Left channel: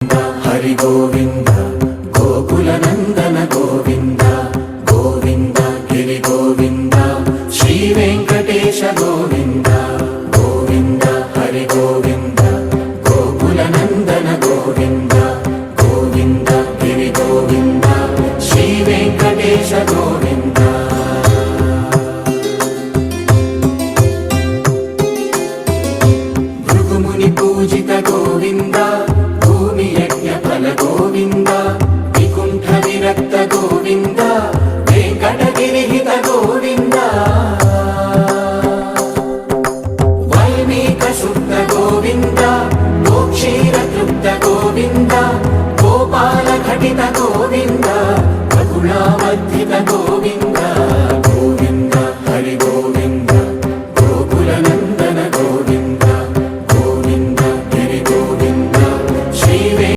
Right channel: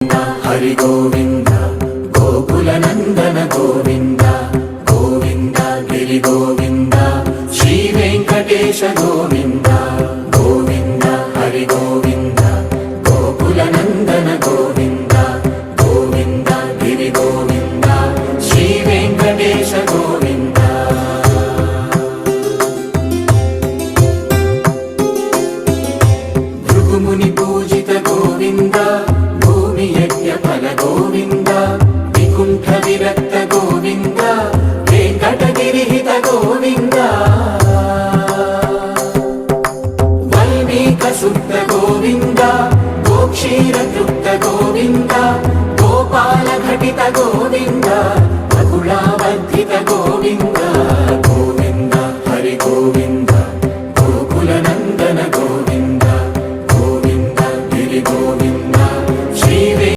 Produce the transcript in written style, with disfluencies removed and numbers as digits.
हरि गोविंद गोकुल नंदन गोविंद गोविंद गिरि गोविंद श्री वेंकटेश गोविंद गोविंद हरि गोविंद गोकुल नंदन गोविंद गोविंद गिरि गोविंद श्री वेंकटेश गोविंद भृगुमुनि पूजित गोविंद गोविंद विकुंठ विरक्त गोविंद वेंकटगिरिहित गोविंद वल्मीक शुद्ध गोविंद गोक्षीर तृप्त गोविंद गोपाल घटित गोविंद बकुलावर्धित गोविंद